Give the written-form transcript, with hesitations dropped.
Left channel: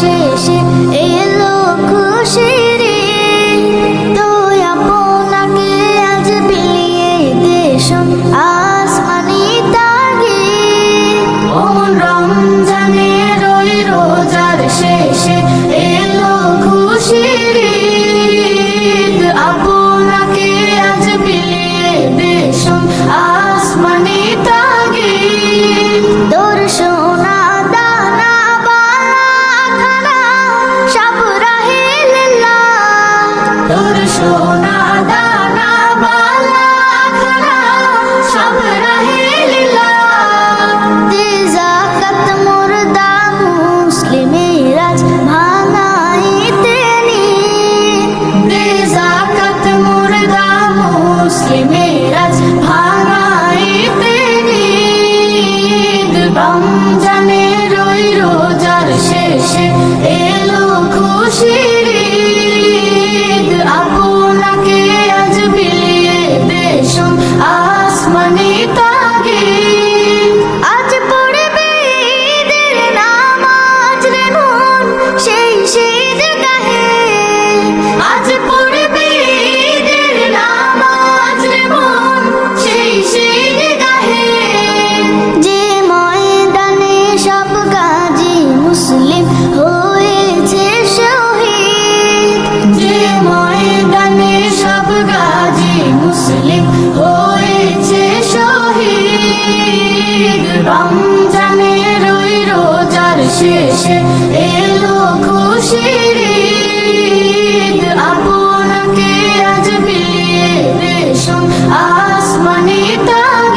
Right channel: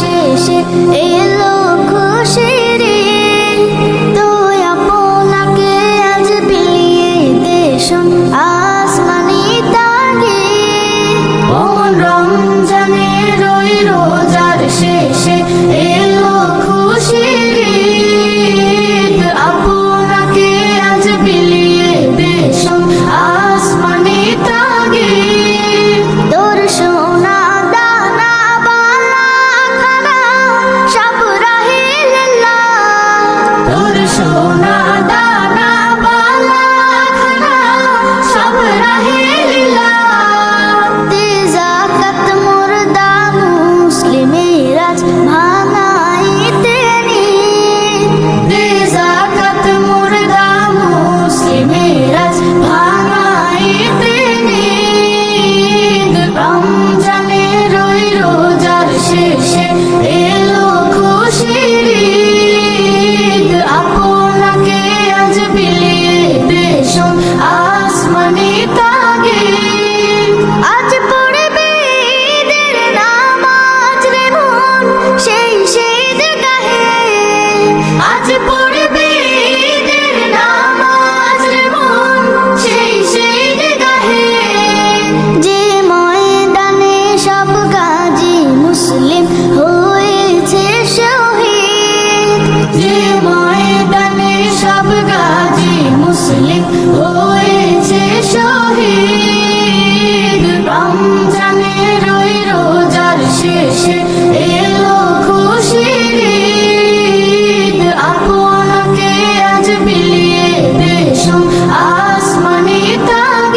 শেষে এলো খুশির ঈদ। তো আপনাকে আজ বিলিয়ে দেশন আসমানি তাগিদ। ও রমজানের ওই রোজার শেষে এলো খুশির ঈদ। আপনাকে আজ বিলিয়ে দেশন আসমানি তাগিদ। তোর সোনা দানা বালা খানা সব রাহিল্লাহ। তোর সোনা দানা বালা খানা সব রাহিল্লাহ। দে যাকাত মুর্দা মুসলিমের আজ ভাঙাইতে নিদ। দে যাকাত মুর্দা মুসলিমের আজ ভাঙাইতে নিদ। রমজানের ওই রোজার শেষে এলো খুশির ঈদ। আপনাকে আজ বিলিয়ে দেশন আসমানি তাগিদ। আজ পড়বে ঈদের নামাজ রে মন সেই ঈদগাহে। আজ পড়বে ঈদের নামাজ রে মন সেই ঈদগাহে। যে ময়দানে সব গাজী মুসলিম হয়েছে শহীদ। যে ময়দানে সব গাজী মুসলিম হয়েছে শহীদ। রমজানের ওই রোজার শেষে এলো খুশির ঈদ। আপনাকে আজ বিলিয়ে দেশন আসমানি তাগিদ।